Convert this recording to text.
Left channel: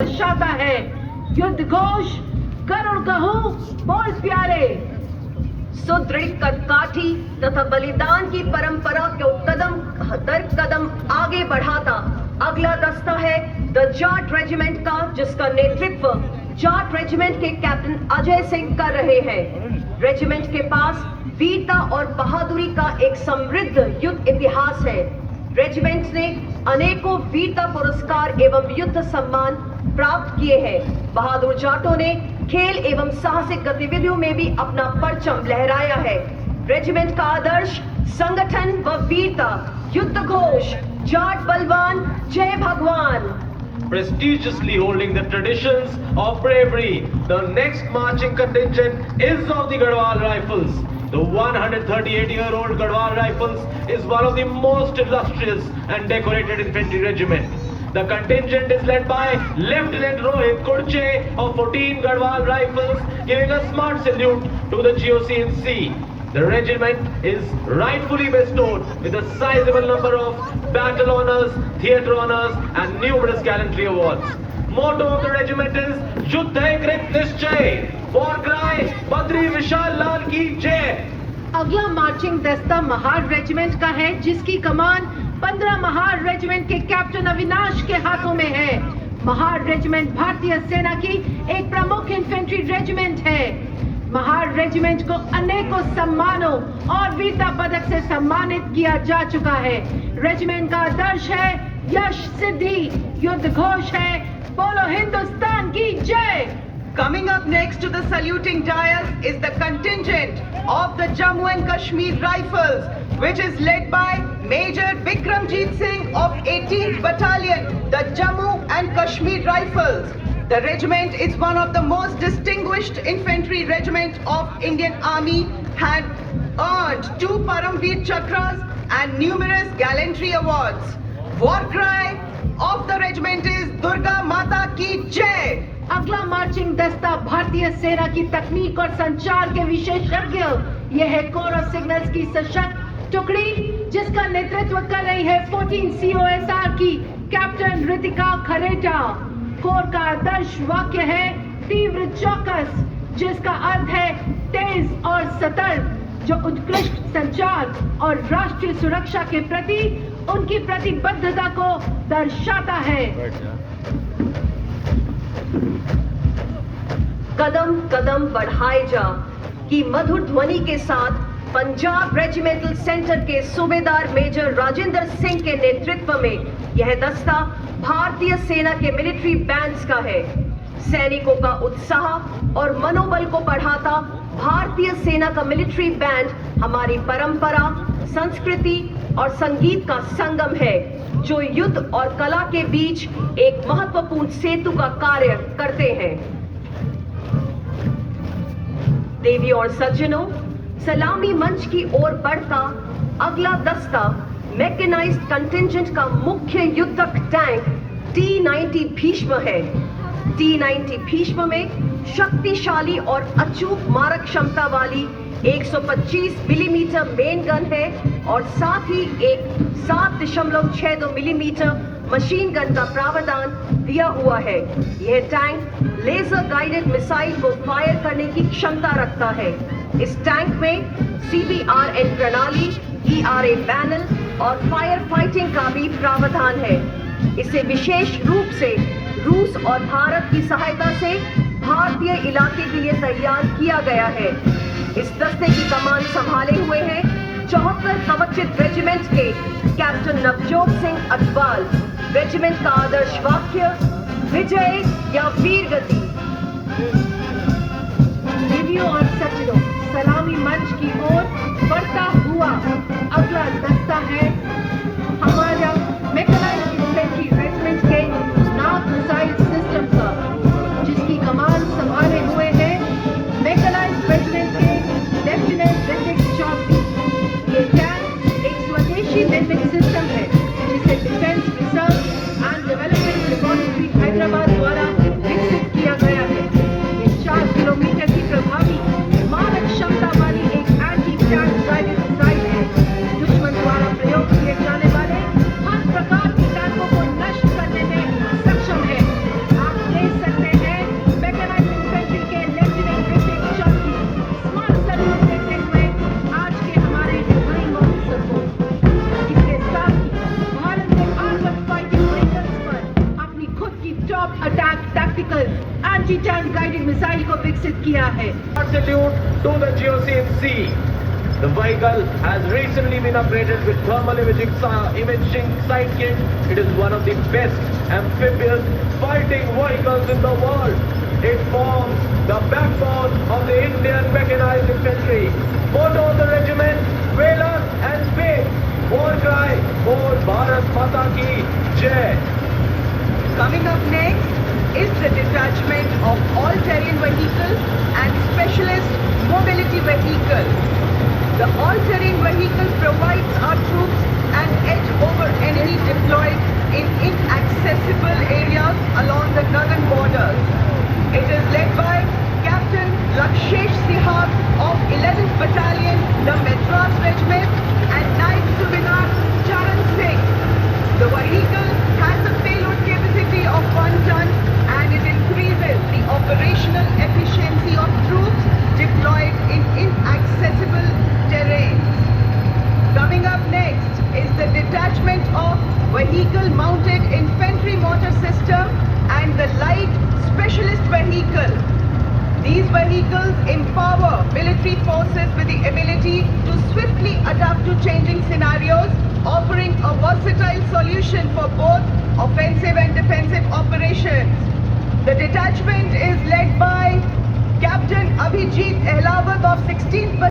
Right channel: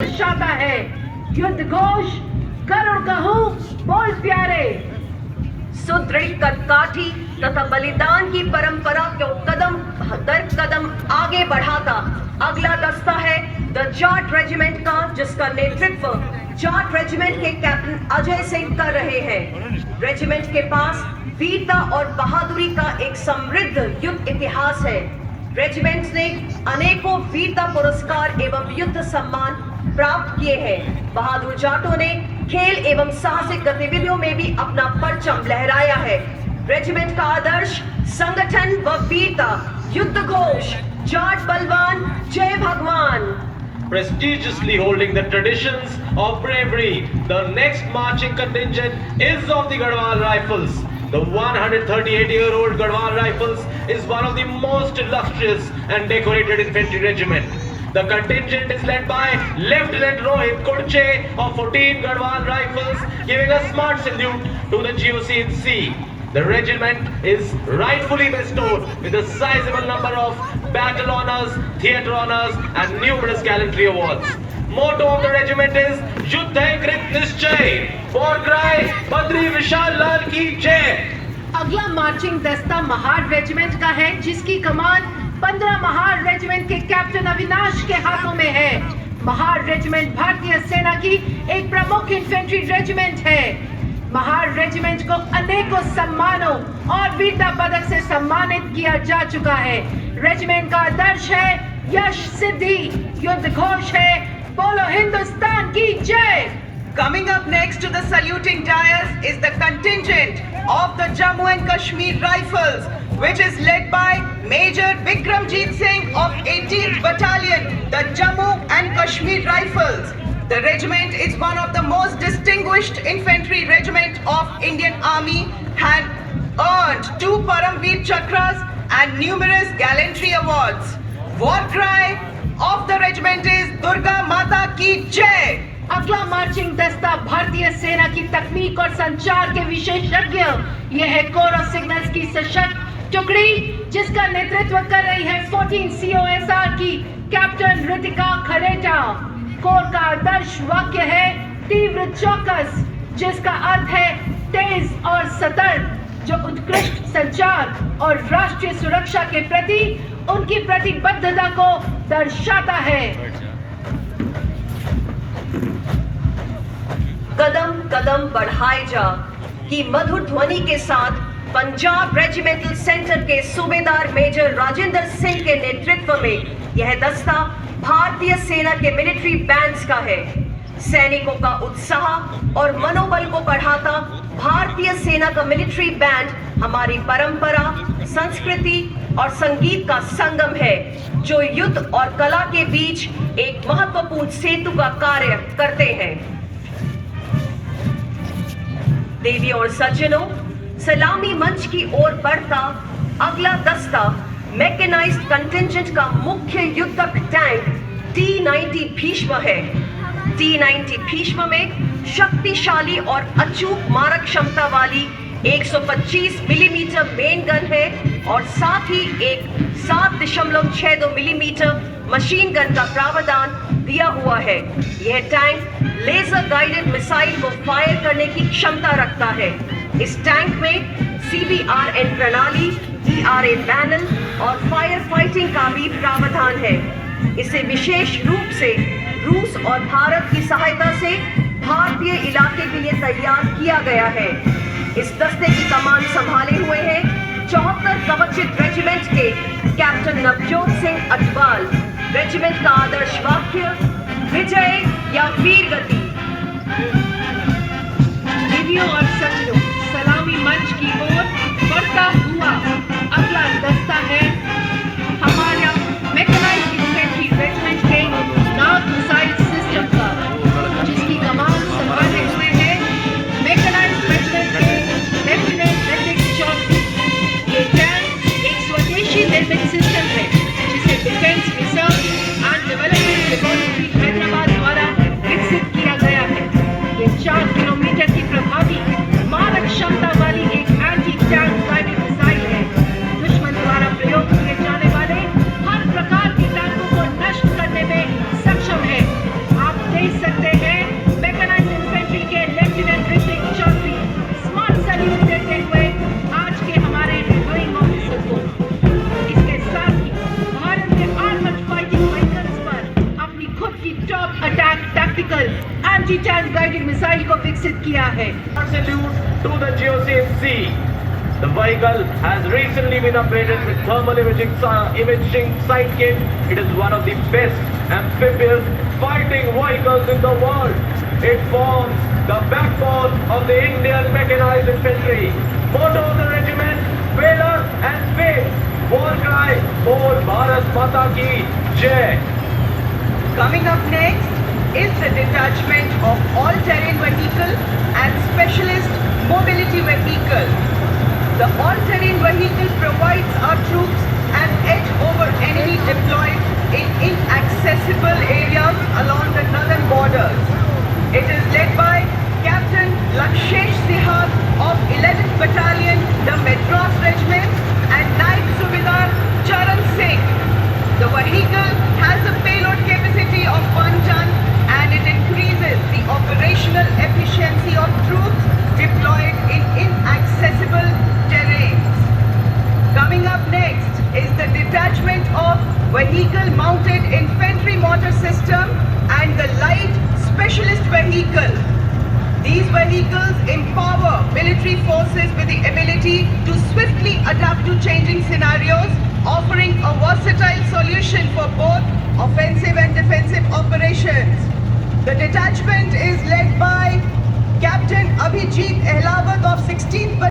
दर्शाता है। युद्ध घोष करो कहूं बोल प्यारे। सुदृढ़ कदकाठी तथा बलिदान की परंपरा को कदम दर कदम आगे बढ़ाता अगला दस्ता है द जाट रेजिमेंट का, जिसका नेतृत्व जाट रेजिमेंट के कैप्टन अजय सिंह कर रहे हैं। रेजिमेंट के पास वीरता और बहादुरी का एक समृद्ध युद्ध इतिहास है। रेजिमेंट ने अनेकों वीरता पुरस्कार एवं युद्ध सम्मान प्राप्त किए हैं। बहादुर जाटों ने खेल एवं साहसिक गतिविधियों में भी अपना परचम लहराया है। रेजिमेंट का आदर्श संगठन व वीरता, युद्ध घोष जाट बलवान जय भगवान। Prestigiously holding the traditions of bravery, the next marching contingent is of the Garhwal Rifles. The 138-year-old Garhwal Rifles is one of the most illustrious and decorated infantry regiment. The contingent is led by Lieutenant Rohit Kurche of 14 Garhwal Rifles, giving a smart salute to the GOC in C. The regiment is rightfully bestowed with a sizable number of battle honors, theatre honors and numerous gallantry awards. Motto of the regiment is Yuddha Krit Nischay. War cry Badri Vishal Lal ki jai. अगला marching दस्ता Mahar regiment का है, जिसकी कमान 15 Mahar regiment के captain Avinash के हाथों में है। महार रेजिमेंट भारतीय सेना की एक प्रमुख इन्फेंट्री रेजिमेंट है। महार रेजिमेंट को अनेकों सम्मानों और वीरता पदक से सम्मानित किया जा चुका है। रेजिमेंट का आदर्श है यश सिद्धि, युद्ध घोष है बोलो हिंदुस्तान की जय। Coming up next to the saluting dais is the contingent of the Jammu and Kashmir Rifles, which is led by Major Bikramjeet Singh of 18th Battalion, the Jammu and Kashmir Rifles. The regiment is one of the most distinguished infantry regiment of Indian Army, had earned 2 Paramveer Chakras and numerous gallantry awards. War cry of the regiment is Durga Mata Ki Jai. अगला marching दस्ता भारतीय सेना की तकनीक और संचार के विशेषज्ञ, यह है कोर ऑफ सिग्नल्स की सशक्त टुकड़ी, जिसका नेतृत्व कर रही है 14 COSR की कैप्टन रितिका खरेटा। कोर का आदर्श वाक्य है तीव्र चौकस, जिसका अर्थ है तेज और सतर्क, जो उत्कृष्ट संचार और राष्ट्रीय सुरक्षा के प्रति उनकी प्रतिबद्धता को दर्शाता है। कदम कदम बढ़ाए जा की मधुर ध्वनि के साथ पंजाब रेजिमेंटल सेंटर के सूबेदार मेजर राजेंद्र सिंह के नेतृत्व में यह दस्ता भारतीय सेना के मिलिट्री बैंड्स का है। सैनिकों का उत्साह और मनोबल को बढ़ाता भारतीय सेना का मिलिट्री बैंड हमारी परंपरा, संस्कृति और संगीत का संगम है, जो युद्ध और कला के बीच एक महत्वपूर्ण सेतु का कार्य करते हैं। देवी और सज्जनों, सलामी मंच की ओर बढ़ता अगला दस्ता मैकेनाइज्ड कंटिंजेंट का मुख्य युद्धक टैंक T-90 भीष्म है। T-90 भीष्म में शक्तिशाली और अचूक मारक क्षमता वाली 125 मिलीमीटर मेन गन है और साथ ही एक 7.62 मिलीमीटर मशीन गन का प्रावधान दिया हुआ है। यह टैंक लेजर गाइडेड मिसाइल को फायर करने की क्षमता रखता है। इस टैंक में CBRN प्रणाली, ERA पैनल और फायर फाइटिंग का भी प्रावधान है। इसे विशेष रूप से रूस और भारत की सहायता से भारतीय इलाके के लिए तैयार किया गया है। इस दस्ते की कमान संभाले हुए हैं 74 कवचित रेजिमेंट के कैप्टन नवजोत सिंह अटवाल। रेजिमेंट का आदर्श वाक्य विजय या वीर गति। देवियों और सज्जनों, सलामी मंच की ओर बढ़ता हुआ अगला दस्ता है हमारा मैकेनाइज्ड इन्फेंट्री रेजिमेंट के नाग मिसाइल सिस्टम का, जिसकी कमान संभाले हुए हैं मैकेनाइज्ड रेजिमेंट के लेफ्टिनेंट ऋतिक चौधरी। ये टैंक एक स्वदेशी निर्मित सिस्टम है, जिसे defence research and development laboratory Hyderabad द्वारा विकसित किया गया है। ये 4 किलोमीटर की प्रभावी मारक क्षमता वाली एक anti tank violent top attack tactical anti tank guided missile को विकसित किया है। Salute to the GOCMC. The vehicle has recently been upgraded with thermal imaging sight kit. It is one of the best amphibious fighting vehicles in the world. It forms the backbone of the Indian mechanized infantry. Motto of the regiment: Valor and Faith. War cry: Bol Bharat Mata Ki Jai. Coming up next is the detachment of all-terrain vehicle and specialist mobility vehicle. The all-terrain vehicle provides our troops an edge over enemy deployed in inaccessible areas along the northern borders. It is led by Captain Lakshesh Sihag of 11th Battalion, the Madras Regiment, and Naib Subedar Charan Singh. The vehicle has a payload capacity of 1 ton and it increases the operational efficiency of troops deployed in inaccessible terrains. Coming up next is the detachment of vehicle mounted infantry mortar system and the light specialist vehicle. These vehicles empower military forces with the ability to swiftly adapt to changing scenarios, offering a versatile solution for both offensive and defensive operations. The detachment is led by Captain Abhijit Ehlawat of 16th